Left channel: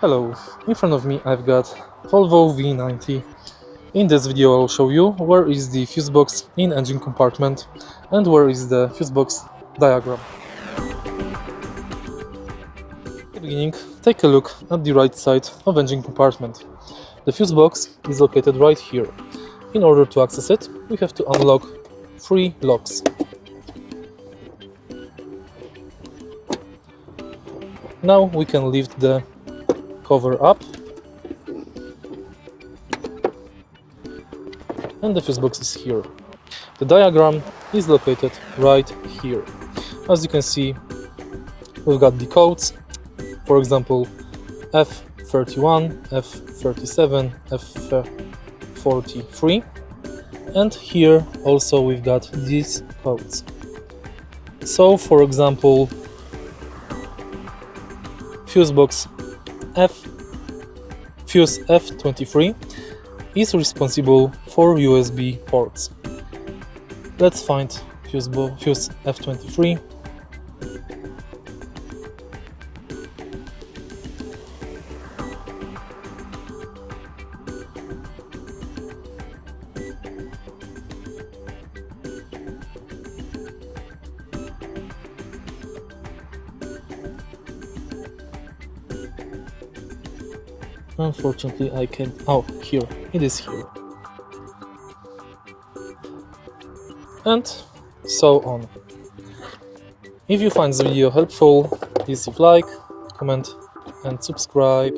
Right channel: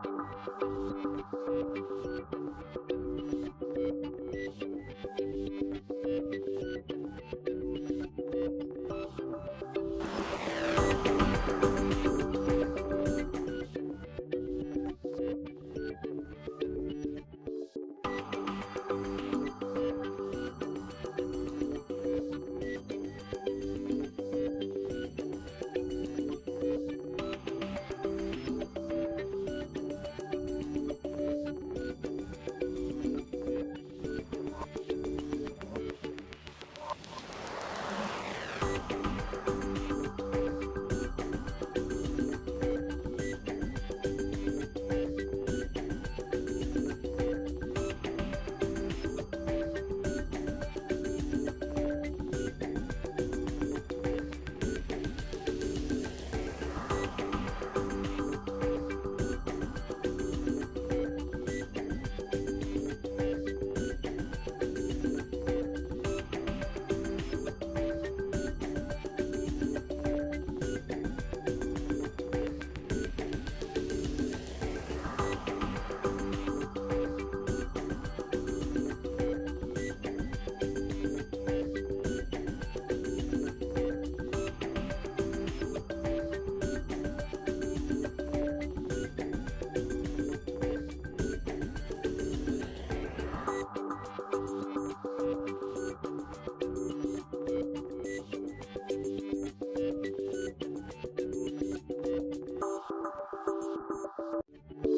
Hello, in front of me I've got Volvo V90. In this video I'll show you where is the fuse box in engine compartment and where is the fuse box diagram. At the beginning, take a look at the right side of engine compartment. The fuse box is located right here. In order to access it, we have to unlock 3 locks. Now we can lift the cover up and the fuse box is here. The diagram is located right here. As you can see, we've got the codes, for example F31, F37, F43, and here also we've got these codes. So for example, Fusebox Fuse F23 is responsible for USB ports. Let's find Fuse F23. Unfortunately, I can. Oh, here it is here, and so on. If you find the video helpful, please leave like, comment, and subscribe.